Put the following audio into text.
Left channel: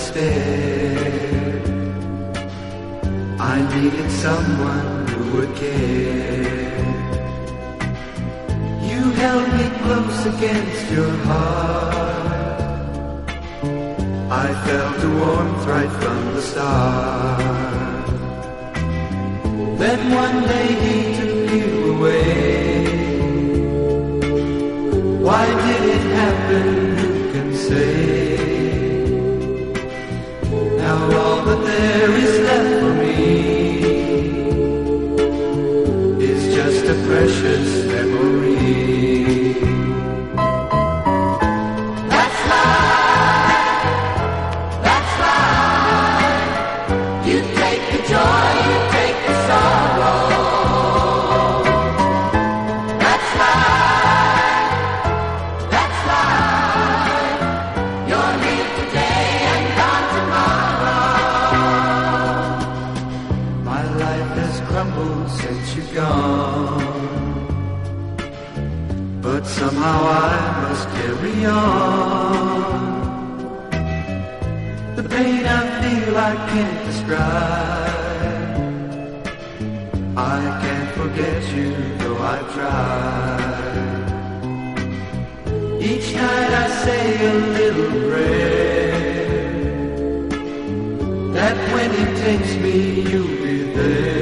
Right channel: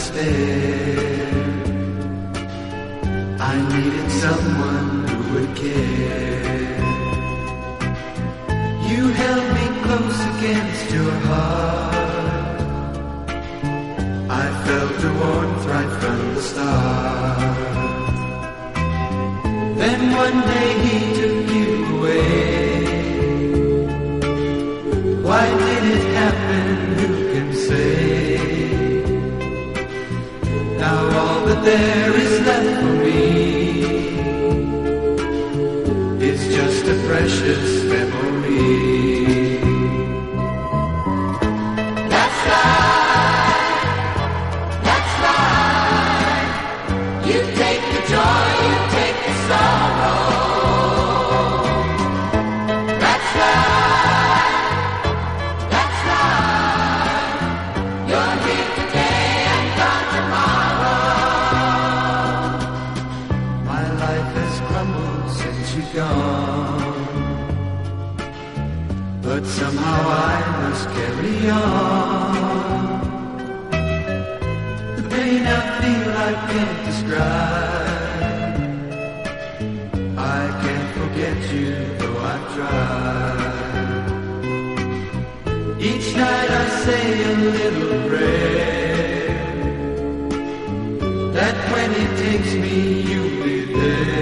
despair. I needed someone who would care. You held me close against your heart. I felt a warmth right from the start. Then one day he took you away. Why did it happen? Who can say? Now all that there is left for me is just a precious memory. That's life, that's life. You take the joy, you take the sorrow. That's life, that's life. You're here today and gone tomorrow. My life has crumbled since you're gone, but somehow I must carry on. The pain I feel I can't describe. I can't forget you though I try. Each night I say a little prayer that when he takes me you'll be there.